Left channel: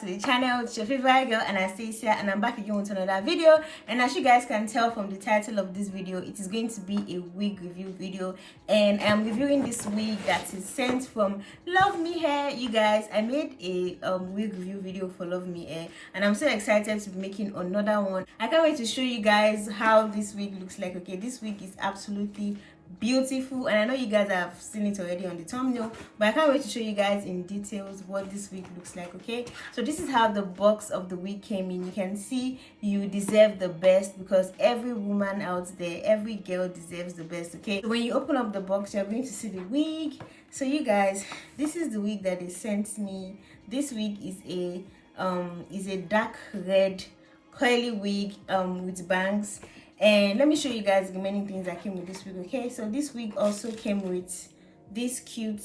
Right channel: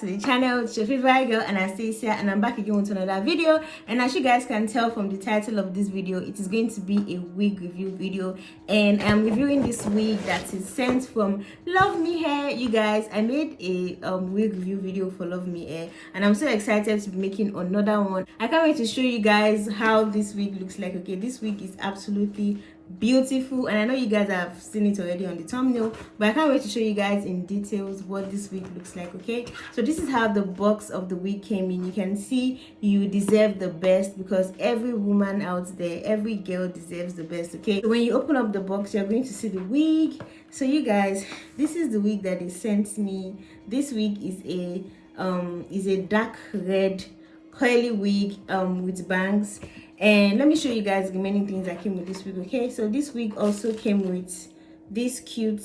to the channel. It's your favorite girl Anastasia, and I'm back again with another video. And as you guys can tell from the title of this video, it is going to be a wig review video, and I'm reviewing this wig that is sent from Luvme Hair. You guys, I made a wig review video for Luvme Hair, and I'm so excited to be making another one. I can't wait to show you guys how this wig looks like. Okay, this wig is absolutely beautiful, and I know you guys have seen it already on the thumbnail, but I can't wait to show you guys in details what this wig looks like. Okay, so this is how the box of the wig came in. You can see you deserve the best, because every woman out there, every girl deserves the best. Okay, so when you open up the box, you're going to see the wig. So you guys, this is the wig that they sent me. This wig is a dark red curly wig with bangs. And let me show you guys the many things that came with this wig. Okay, so this wig also came with this cute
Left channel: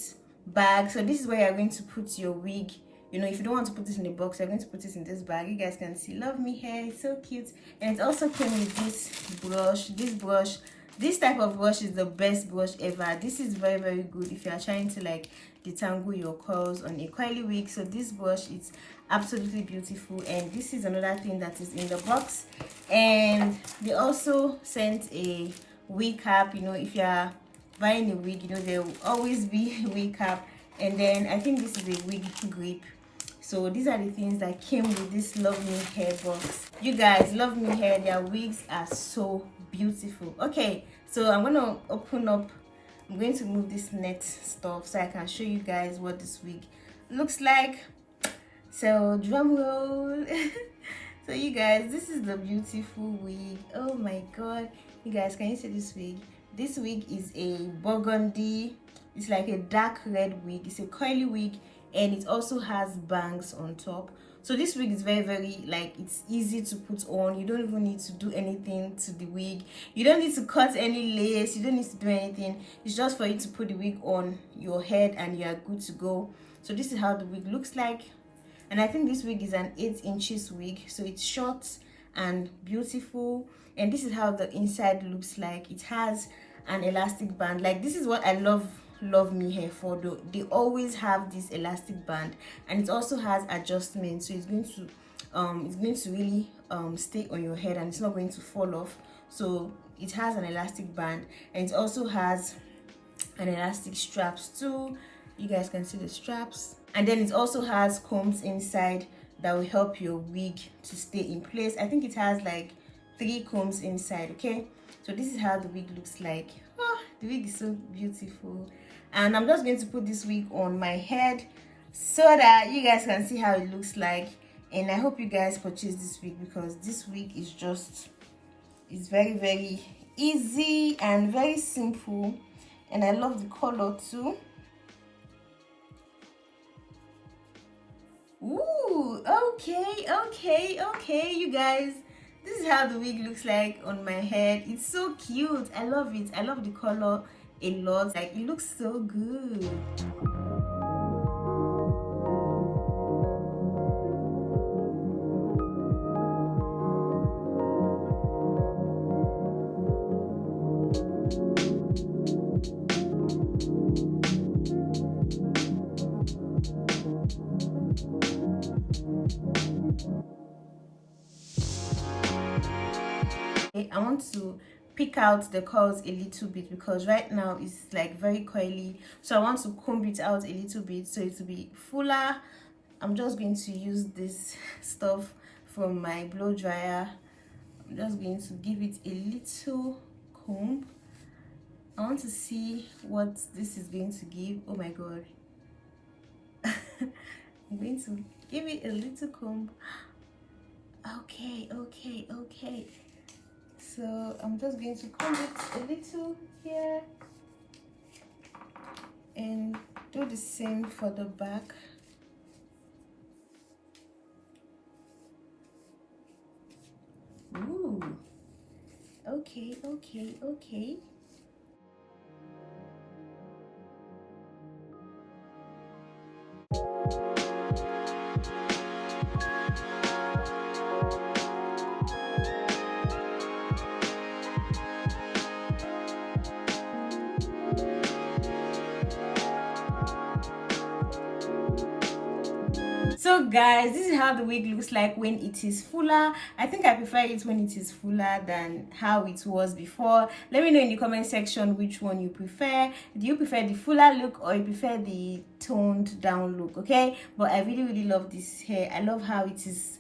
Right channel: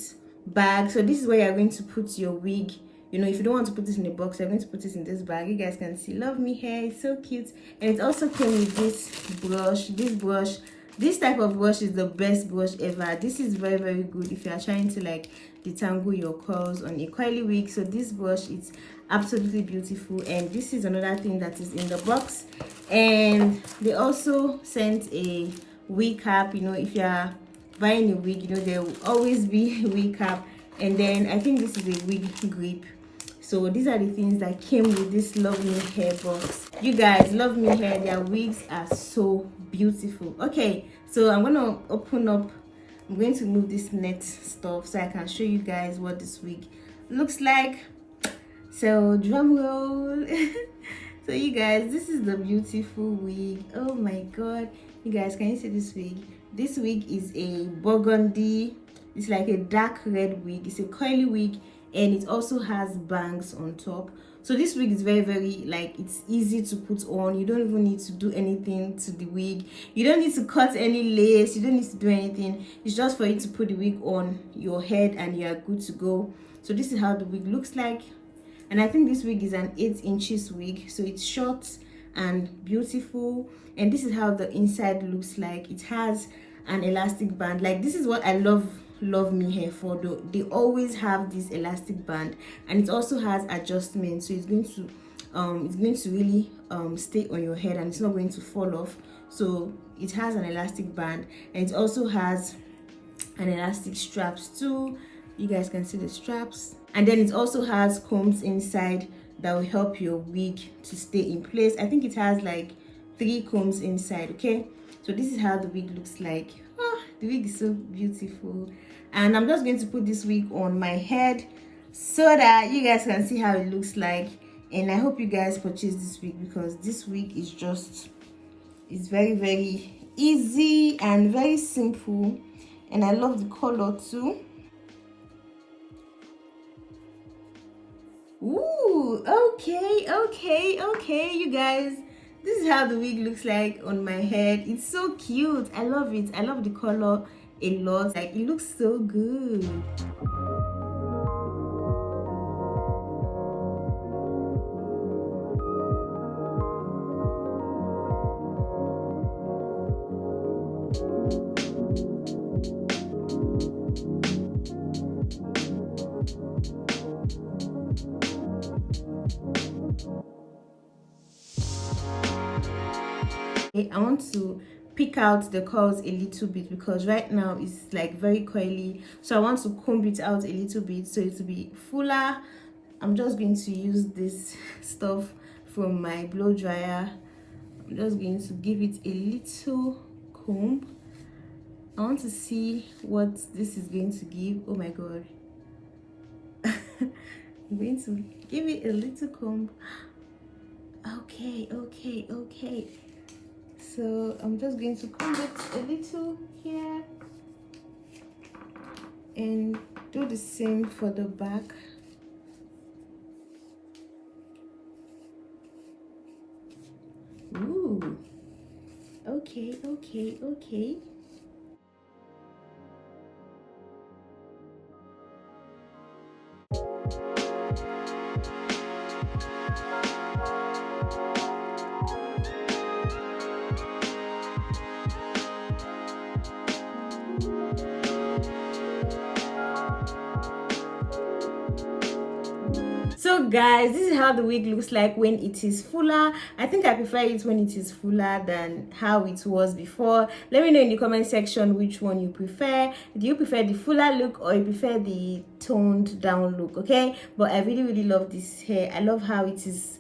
bag. So this is where you're going to put your wig. You know, if you don't want to put this in a box, you're going to put this in this bag. You guys can see Luvme Hair, it's so cute. And it also came with this brush. This type of brush is the best brush ever. This is very, very good if you are trying to like detangle your curls on a curly wig. So this brush is absolutely beautiful. And this is another thing that is in the box. And they also sent a wig cap. You know, if you are buying a wig, you know, there will always be a wig cap. And then I think this is a wig grip. So these are the things that came with this Luvme Hair box. You guys, Luvme Hair, their wigs are so beautiful. Okay, so I'm gonna open up. I'm going to move this net stuff so I can show you guys what this wig looks like. So drum roll. So you guys, this is the beautiful wig. Oh my god, you guys, can you see this wig? This wig is a burgundy. It's like a dark red wig. It's a curly wig, and it also has bangs on top. So this wig is very, very, like, it's easy to put on. You don't even need to do anything to the wig. You don't need to cut any lace. You don't need to do anything. It's just for you to put the wig on your head and you are good to go. So this is how the wig looks like. And I think this wig is an 8 inches wig, so it's short and beautiful. And this is how the inside looks like. It has an elastic band. Like, this is what I love Luvme Hair for, though. They always have this elastic band, and it also has adjustments, so it's going to really stay on your head, and it's not going to fall off. So it has an elastic band, and it also has an elastic straps too. You guys can see the straps. And then it also has combs inside that will help your wig to stay in place. I think it has like 3 combs inside. Okay, so this is how the wig looks like. Oh, the wig is so beautiful. And I'm just going to put this wig on my head so that you guys can see how it looks like. And I hope you guys purchase this wig, because this wig is just, it's very, very easy and very simple. And I love the color too. Ooh, okay, you guys, this is how the wig looks like on my head. It's so cute. I love it. I love the color a lot. Like, it looks so good. I want to pick out the curls a little bit, because right now it's like very curly, so I want to comb it out a little bit so it will be fuller. I'm just going to use this stuff from my blow dryer. I'm just going to give it a little comb. I want to see what this is going to give. Oh my god. I'm going to give it a little comb. Okay. So I'm just going to comb it a little here and do the same for the back. Ooh, okay. guys, this is how the wig looks like when it is fuller. I think I prefer it when it is fuller than how it was before. Let me know in the comment section which one you prefer. Do you prefer the fuller look or you prefer the toned down look? Okay, but I really love this hair. I love how it is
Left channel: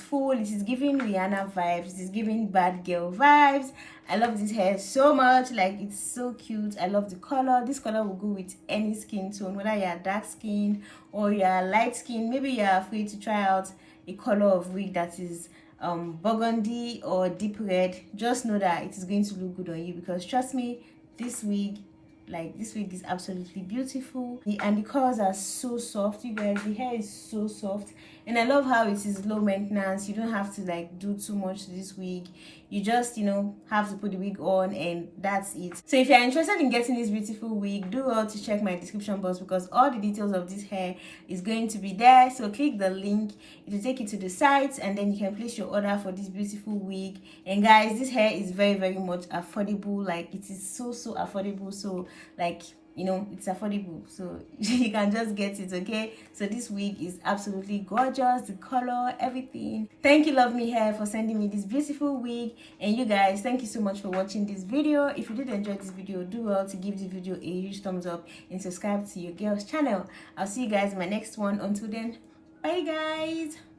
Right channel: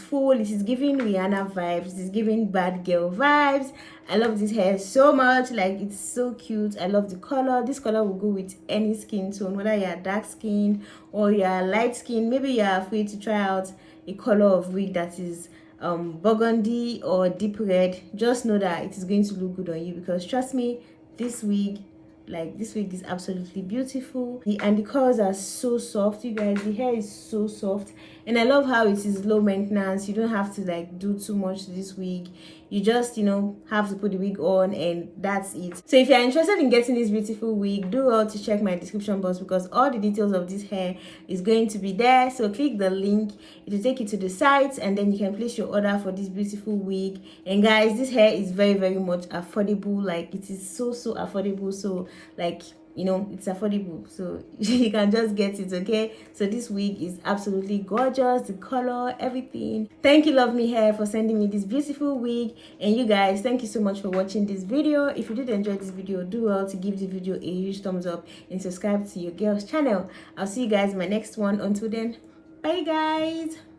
full. It is giving Rihanna vibes. It is giving bad girl vibes. I love this hair so much. Like, it's so cute. I love the color. This color will go with any skin tone, whether you're dark skin or you're light skin. Maybe you're afraid to try out a color of wig that is burgundy or deep red. Just know that it is going to look good on you, because trust me, this wig is absolutely beautiful, and the colors are so soft. You guys, the hair is so soft, and I love how it is low maintenance. You don't have to like do too much to this wig. You just, you know, have to put the wig on and that's it. So if you're interested in getting this beautiful wig, do well to check my description box, because all the details of this hair is going to be there. So click the link, it will take you to the site, and then you can place your order for this beautiful wig. And guys, this hair is very much affordable. Like, it is so affordable. So like, you know, it's affordable, so you can just get it. Okay, so this wig is absolutely gorgeous, the color, everything. Thank you Love Me Hair for sending me this beautiful wig. And you guys, thank you so much for watching this video. If you did enjoy this video, do well to give this video a huge thumbs up and subscribe to your girl's channel. I'll see you guys in my next one. Until then, bye guys.